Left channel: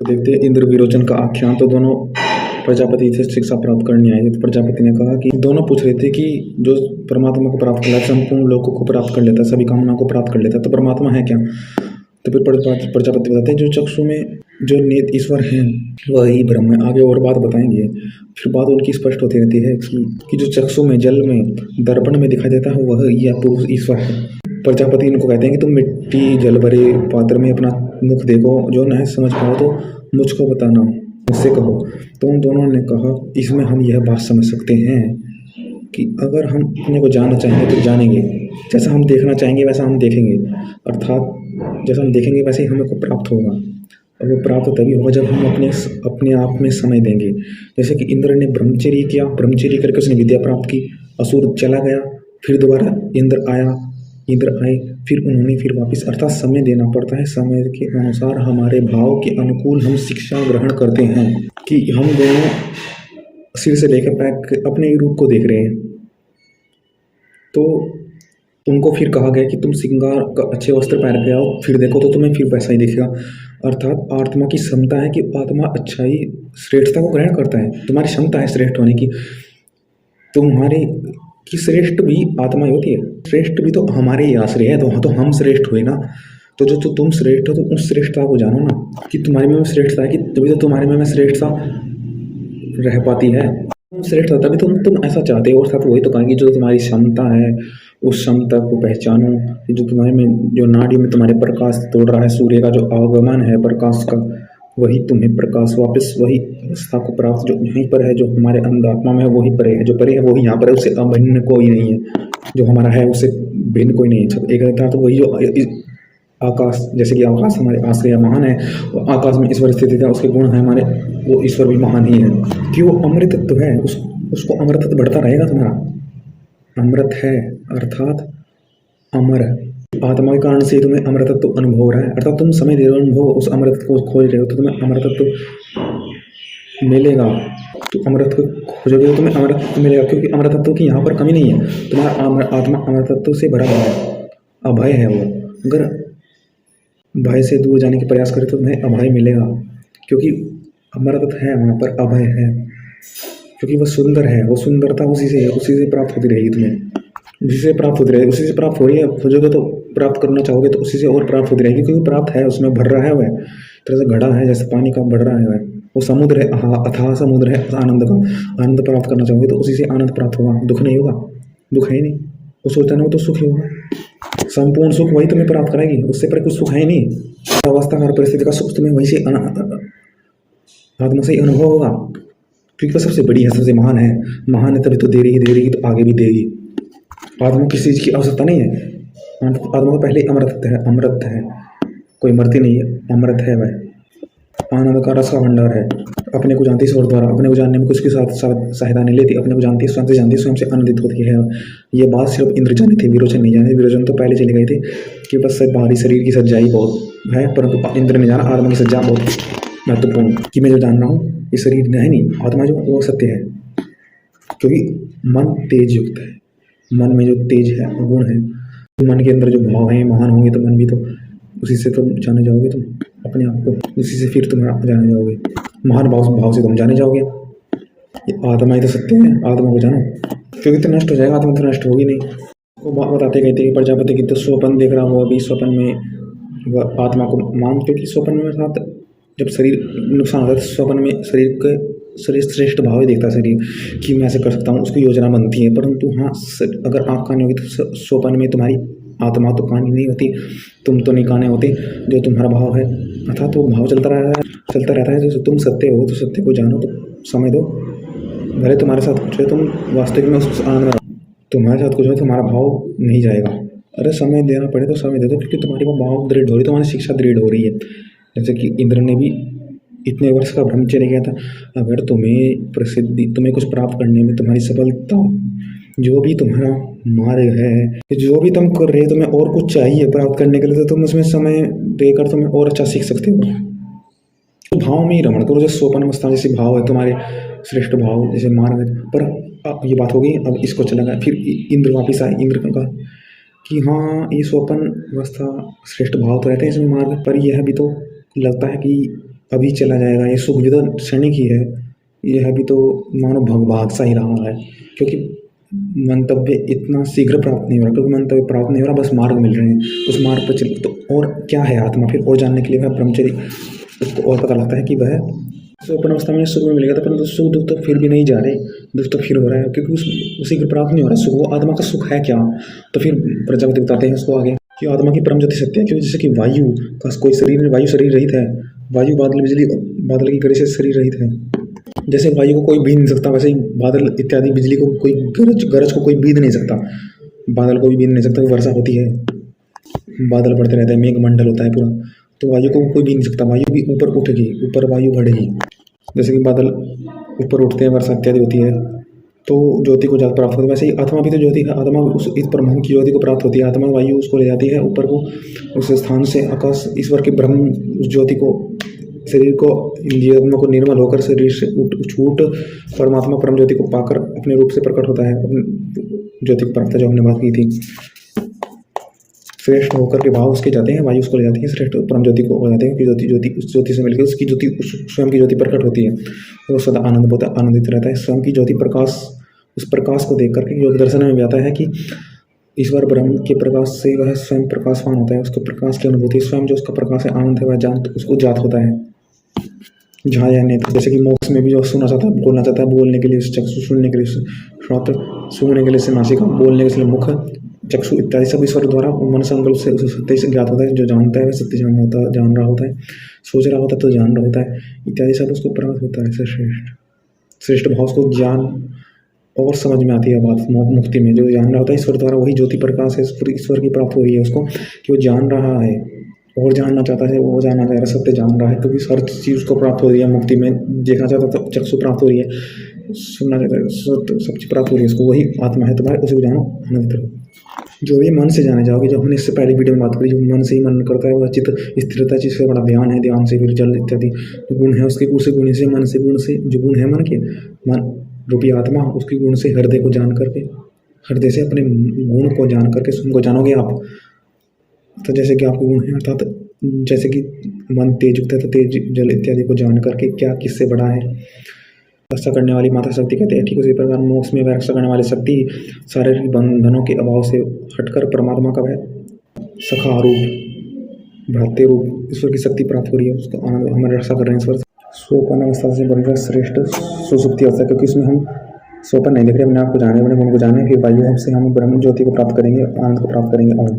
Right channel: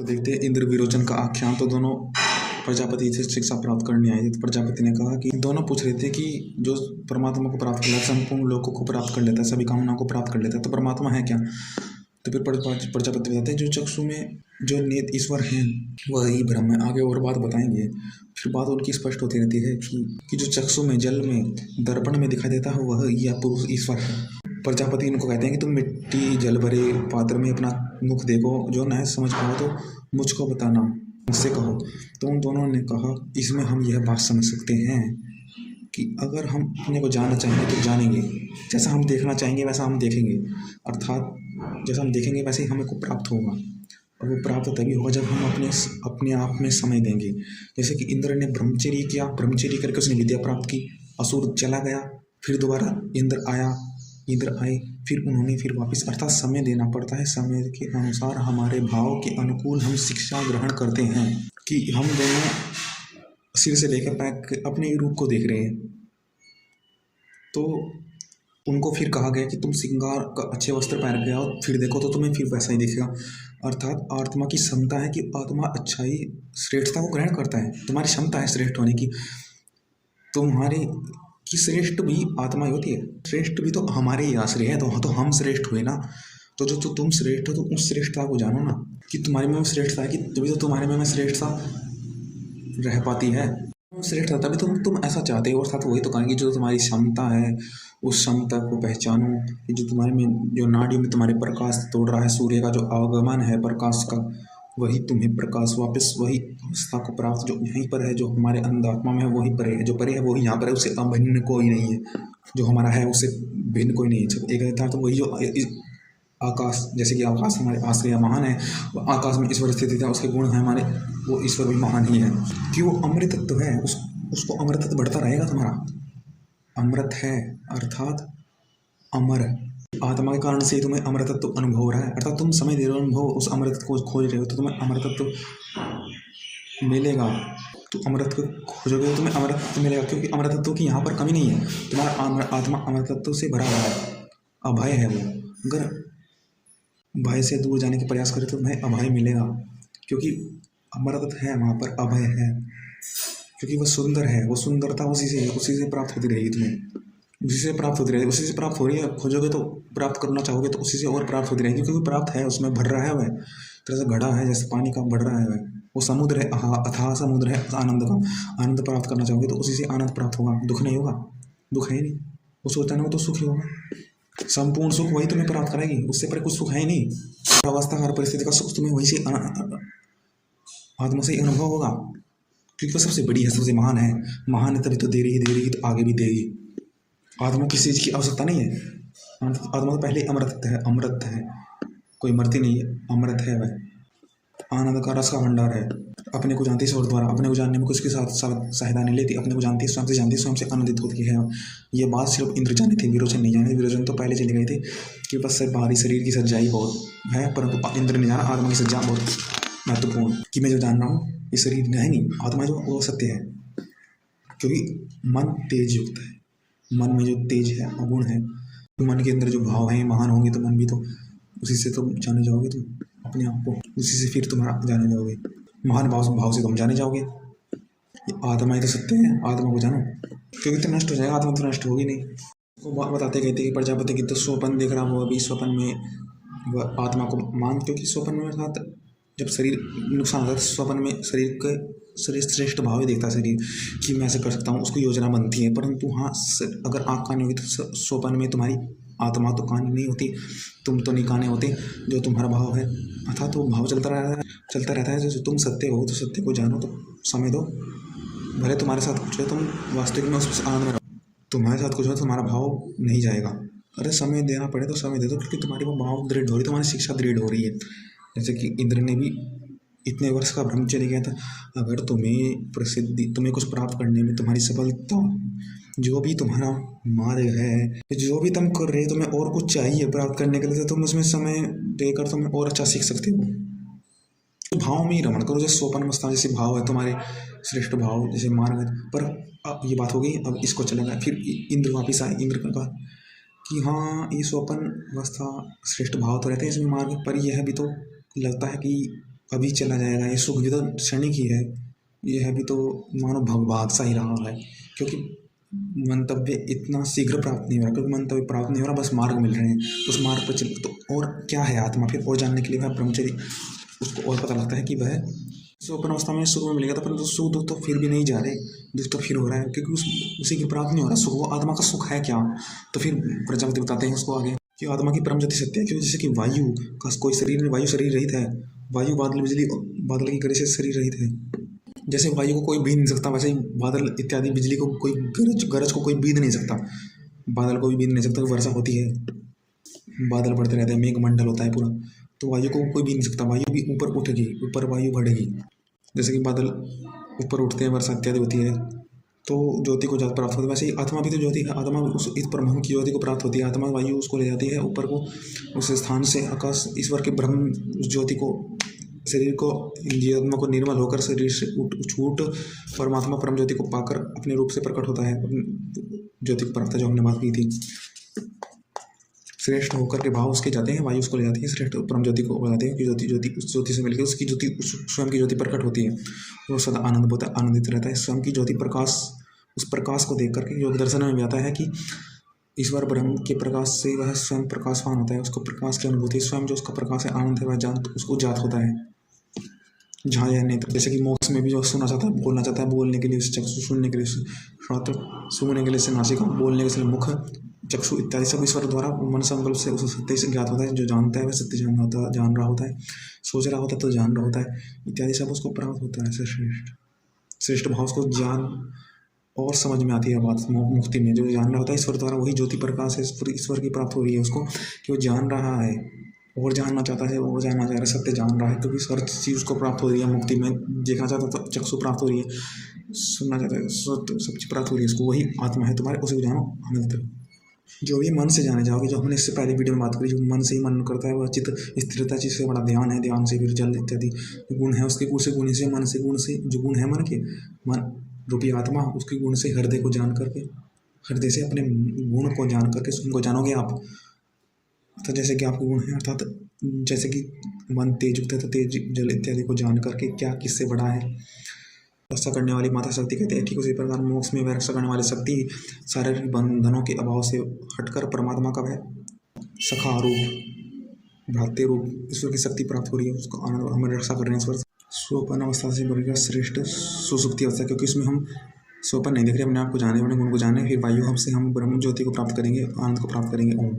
तो देखते हैं इंद्र विरोचन का आख्यान। तो दोनों प्रजापति से शिक्षा प्राप्त करने आए थे। तो प्रजापति ने कहा कि दोनों पूछ रहे थे कि जो परमात्मा को प्राप्त कर लेता है, संपूर्ण लोगों को प्राप्त कर लेता है, सभी कामनाओं को प्राप्त कर लेता है, तो परमात्मा है क्या। तो फिर प्रजापति बताते हैं जो चक्षु में जो नेत ईश्वर हैं वह ही ब्रह्म है। आगे और बात बताएंगे। फिर बात उनकी स्पष्ट होती रहती है कि जो चक्षु में जल में दर्पण में दिखाई देता है वह यह पुरुष ईश्वर है। प्रजापति इनको कहते हैं कि तुम मिट्टी जल भरे पात्र में अपना मुख देखो, जो न समझ पाओ तो मुझको बताना, मुझसे कहो। तो उन दोनों ने कहा इसमें हम यह बात समझ सकते हैं कि अगर हम अपने को जानना चाहेंगे तो जानेंगे, जैसा हम देखना चाहेंगे वैसा हम देखेंगे, अर्थात जैसा हम देखेंगे वैसे ही हमें को प्राप्त होगा। और वो प्राप्त तभी होगा जब हम अपने आप में समय देंगे। जैसे कि इंद्र ने ब्रह्मचर्य किया, ब्रह्मचर्य करके उसने विद्या प्राप्त की, असुर चला गया, फिर दोबारा इंद्र आए, फिर उन्होंने फिर वापस, अर्थात समय देना पड़ता है। समय के अनुसार हमारे भाव के अनुकूल हम शिक्षा ग्रहण करते हैं कि हम दोनों सिर से लेकर पैर अपने रूप को देख रहे हैं। तो उनको फिर कहा गया कि तुम श्रृंगार का अच्छे वस्त्र पहन के आओ, फिर देखो तो तुम्हें फिर वैसा ही दिखेगा। अर्थात आत्मा की क्षमता है कि आत्मा अच्छाई श्रेष्ठता को ग्रहण करता है। तुम्हारी क्षमता है श्रेष्ठ होने की, तुम्हारे कि श्रेष्ठ भी आत्मा ही होती है, श्रेष्ठ भी तो हमारे ही आश्रय है। तो हम श्रेष्ठ हुए ना। तो जो तुम श्रेष्ठ हो तो उस श्रेष्ठता को जानो ना कि तुम्हारे में श्रेष्ठता है, कि तभी तो तुम्हारे में श्रेष्ठता रह पाती है। तुम श्रेष्ठ तभी तुम ऐसा चाहते हो। अर्थात वही तो कहेंगे जो तुम्हारी क्षमता है उस क्षमता को पहचानो कि जो तुम्हारे में जो नाड़ियों में तुम्हारे प्रकाश तोड़ रहा है, सूर्य का जो आगमन है प्रकाश का, वही तुम्हें प्रकाश वापस वही अवस्था को प्राप्त जो यहीं पर है, जो हमारे अंतरात्मा में है वही परे है, जो परे है वही यहाँ पर है, उससे अभिन्न कोई नहीं है। जो हमारा है उससे भिन्न कोई नहीं है, सब एक अर्थात वही जो आकाश, जैसे कि आकाश हमारे आश्रय महान है, आकाश में ईश्वर स्थित है, उसके गुण है हमारे, वो ईश्वर भी महान ही है कि वो अमृत तत्व है। उसको अमृत बढ़ता रहेगा। तुम्हारा अमृत है अर्थात अमर आत्मा के कारण से तुम्हें अमृतत्व अनुभव हो रहा है। अर्थात तुम समय दे रहे हो अनुभव, उस अमृत को खोज रहे हो तो तुम्हें अमृतत्व मिलेगा। तो अमृत को खोजोगे तो तुम्हें अमृत मिलेगा, क्योंकि अमृतत्व की यहाँ पर कमी नहीं है। तुम्हारा आत्मा अमृतत्व से भरा हुआ है, अभय है वो। अगर भय से दूर जाने के प्रयास करे तो तुम्हें अभय मिलेगा, क्योंकि अमृतत्व है वहाँ पर, अभय है, क्योंकि वह सुंदर है। वो सुंदरता उसी से प्राप्त होती रहेगी, तुम्हें उसी से प्राप्त होती रहेगी, उसी से प्राप्त हो रही है। खोजोगे तो प्राप्त करना चाहोगे तो उसी से और प्राप्त होती रहेगी, क्योंकि प्राप्त है, उसमें भर रहा है वह, तरह से घड़ा है जैसे पानी का बढ़ रहा है वह, वो समुद्र है, अथाह समुद्र है आनंद का। आनंद प्राप्त करना चाहोगे तो उसी से आनंद प्राप्त होगा, दुख नहीं होगा, दुख है ही नहीं। वो सोचता नहीं तो सुख ही होगा, संपूर्ण सुख वही तुम्हें प्राप्त कराएगी, उससे पर कुछ सुख है ही नहीं। अवस्था हर परिस्थिति का सुख तुम्हें वही से आत्मा से अनुभव होगा, क्योंकि वह सबसे बड़ी है, सबसे महान है तभी तो दे रही तो आगे भी देगी। आत्मा किसी चीज़ की आवश्यकता नहीं है। आत्मा तो पहले अमृत है, कोई मरती नहीं है, अमृत है वह, आनंद का रस का भंडार है। अपने को जानती ईश्वर द्वारा, अपने को जानने में कुछ के साथ सहायता नहीं लेती, अपने को जानती स्वयं से जानती, स्वयं से आनंदित होती है। ये बात सिर्फ इंद्र जाने थे, विरोचन नहीं जाने। विरोचन तो पहले चले गए थे कि बस बाहरी शरीर की सज्जाई बहुत है, परंतु इंद्र ने जाना आत्मा की सज्जा बहुत महत्वपूर्ण, कि मैं जो जान रहा हूँ ये शरीर है नहीं, आत्मा जो वो सत्य है। क्योंकि मन तेज युक्त है, मन में जो तेज है गुण है, मन के अंदर जो भाव है महान होंगे तो मन भी तो उसी से तुम जाने जाओगे, तुम अपने आप को उसी से फिर तुम जाने जाओगे, महान भाव से तुम जाने जाओगे। ये आत्मा ही तो सत्य है, आत्मा को जानो, क्योंकि तो नष्ट हो जाएगा, आत्मा तो नष्ट होगी नहीं। वो बताते कहते कि प्रजापति की तो स्वप्न देख रहा वो अभी स्वप्न में वह आत्मा को क्योंकि स्वप्न में अर्थात जब शरीर नुकसान होता है तो स्वप्न में शरीर श्रेष्ठ भाव ही देखता है शरीर, कि मैं ऐसे कर सकता हूँ, उसकी योजना बनती है। परंतु हाँ, अगर आँख कानी होगी तो स्वप्न में तुम्हारी आत्मा तो कानी नहीं होती, तुम तो नहीं काने होते, जो तुम्हारा भाव है, अर्थात वो भाव चलता रहता है। जो तुम सत्य हो तो सत्य को जानो, तो समय दो, भले तुम्हारे साथ कुछ हो, तुम वास्तविक में उस आनंद में, तुम्हारे साथ कुछ हो तुम्हारा भाव नहीं जाएगा। अरे समय देना पड़े तो समय दे दो, क्योंकि तुम्हारी वो भाव दृढ़ हो रही है, तुम्हारी शिक्षा दृढ़ हो रही है। जैसे कि इंद्र ने भी इतने वर्ष का ब्रह्मचर्य किया था। अगर तुम्हें कुछ प्राप्त करने में तुम्हारी सफलता, जो भी तुम्हारा मार्ग है, जो भी तुम कर रहे हो, तुम्हें और कुछ चाहिए प्राप्त करने के लिए, तो तुम उसमें समय देकर तुम्हें और अच्छा सीख सकते हो। तो भाव में ही रमण करो, जैसे स्वप्न अवस्था जैसे भाव है तुम्हारे श्रेष्ठ भाव जैसे मार्ग है। पर ये बात हो गई, अब इसको चला गया। फिर इंद्र वापिस आए, इंद्र ने कहा कि हाँ ये स्वप्न अवस्था श्रेष्ठ भाव तो रहते हैं इसमें मार्ग, पर यह भी तो लगता है कि अभी चला जाएगा, ये सुख भी तो क्षणिक ही है, यह भी तो मानो भाग सा ही रहा है, क्योंकि मंतव्य इतना शीघ्र प्राप्त नहीं हो रहा, क्योंकि मंतव्य प्राप्त नहीं हो रहा, बस मार्ग मिल रहे हैं, उस मार्ग पर चल। तो और क्या है आत्मा, फिर और जानने के लिए वह ब्रह्मचर्य, उसको और पता लगता है कि वह स्वप्न अवस्था में सुख में मिलेगा था, परंतु सुख दुख तो फिर भी नहीं जा रहे, दुख तो फिर हो रहा है, क्योंकि उसी को प्राप्त नहीं हो रहा सुख। वो आत्मा का सुख है क्या? तो फिर प्रजापति बताते हैं उसको आगे कि आत्मा की परम ज्योति सत्य है। क्यों? जैसे कि वायु का कोई शरीर, वायु शरीर रहित है, वायु बादल बिजली बादल की गरज से शरीर रहित है। जैसे वायु को कोई बीत नहीं सकता, वैसे ही बादल इत्यादि बिजली को कोई गरज को कोई बीत नहीं सकता, बादल को भी बीत नहीं सकता। वर्षा होती है, बादल बढ़ते रहते हैं, मेघ मंडल होता है पूरा, तो वायु को कोई भी नहीं सकता। वायु भी ऊपर उठेगी, ऊपर वायु बढ़ेगी, जैसे कि बादल ऊपर उठते हैं, वर्षा इत्यादि होती है, तो ज्योति को ज्यादा प्राप्त होती है। वैसे ही आत्मा भी तो ज्योति है, आत्मा उस इस परमाणु की ज्योति को प्राप्त होती है। आत्मा वायु उसको ले जाती है ऊपर को, उस स्थान से आकाश ईश्वर के ब्रह्म उस ज्योति को, शरीर को, आत्मा को निर्मल होकर शरीर से छूट परमात्मा परम ज्योति को पाकर अपने रूप से प्रकट होता है, अपने ज्योति को प्राप्त, जो हमने बात की थी। श्रेष्ठ होकर के भाव उसके जाते हैं, वायु उसको ले जाती है, श्रेष्ठ परम ज्योति को ले जाते हैं कि ज्योति उस ज्योति से मिलकर उसकी ज्योति, स्वयं की ज्योति प्रकट होती है। वो सदा आनंदित रहता है। स्वयं की ज्योति प्रकाश, उस प्रकाश को देख करके योग दर्शन में भी आता है कि ईश्वर ब्रह्म के प्रकाश से वह स्वयं प्रकाशवान होता है, उसको प्रकाश की अनुभूति, स्वयं जो उसका प्रकाश है, आनंद है, वह जान उसको जात होता है। जहाँ या नेत्र, जैसे कि मोक्ष में भी जो सुनना चाहता है, बोलना चाहता है, बोलने के लिए चक्षु, सुनने के लिए श्रोत्र, सूंघने के लिए से नासिका, बोलने के लिए मुख, चक्षु इत्यादि सब ईश्वर द्वारा मन संकल्प से उस सत्य से ज्ञात होता है। जो जानता है वह सत्य जान रहा होता है, सोच रहा होता है तो जान रहा होता है, इत्यादि सब उसको प्राप्त होता है। श्रेष्ठ भाव उसको ज्ञान और समझ में आती है बात मुक्ति में। जो जान रहा होता है ईश्वर द्वारा, वही ज्योति प्रकाश है, ईश्वर की प्राप्त हो रही है उसको, कि वो जान रहा है और जानना चाहता है, वो जानना चाह रहा है, सत्य जान रहा है, क्योंकि हर चीज़ उसको प्राप्त हो रही है मुक्ति में। देखना चाहता है तो चक्षु प्राप्त हो रही है, सुनना चाहता है सब चीज़ प्राप्त हो रही है उसको, वही आत्मा है तुम्हारे, उसे जानो, आनंदित रहो। जो ये मन से जाने जाओगे, जो हमने इससे पहले वीडियो में बात करी, जो मन से ही मन करता है वह चित्त स्थिरता, जिससे बड़ा ध्यान है, ध्यान से फिर जल इत्यादि गुण है उसके, गुण से गुण से मन से गुण से, जो गुण है मन के, मन रूपी आत्मा, उसके गुण से हृदय को जान करके, हृदय से अपने गुण को जान करके स्वयं को जानोगे आप। तो जैसे कि आपके गुण हैं, अर्थात जैसे कि मन तेज युक्त है तो तेज जल इत्यादि को जान करके क्या किससे बड़ा है, रक्षा करने वाली माता शक्ति कहते हैं। ठीक उसी प्रकार मोक्ष में वह रक्षा करने वाली शक्ति शारीरिक बंधनों के अभाव से हटकर परमात्मा का वह सखा रूप, भ्रातृ रूप ईश्वर की शक्ति प्राप्त हो रही है, उसको आनंद, हमारी रक्षा कर रहे हैं ईश्वर। स्वपन अवस्था से बढ़कर श्रेष्ठ सुसुप्ति अवस्था, क्योंकि उसमें हम स्वपन नहीं देख रहे, अपने आप को जाने, अपने गुण को जाने, फिर वायु हमसे हम ब्रह्म ज्योति को प्राप्त करेंगे, आनंद को प्राप्त करेंगे। ओम।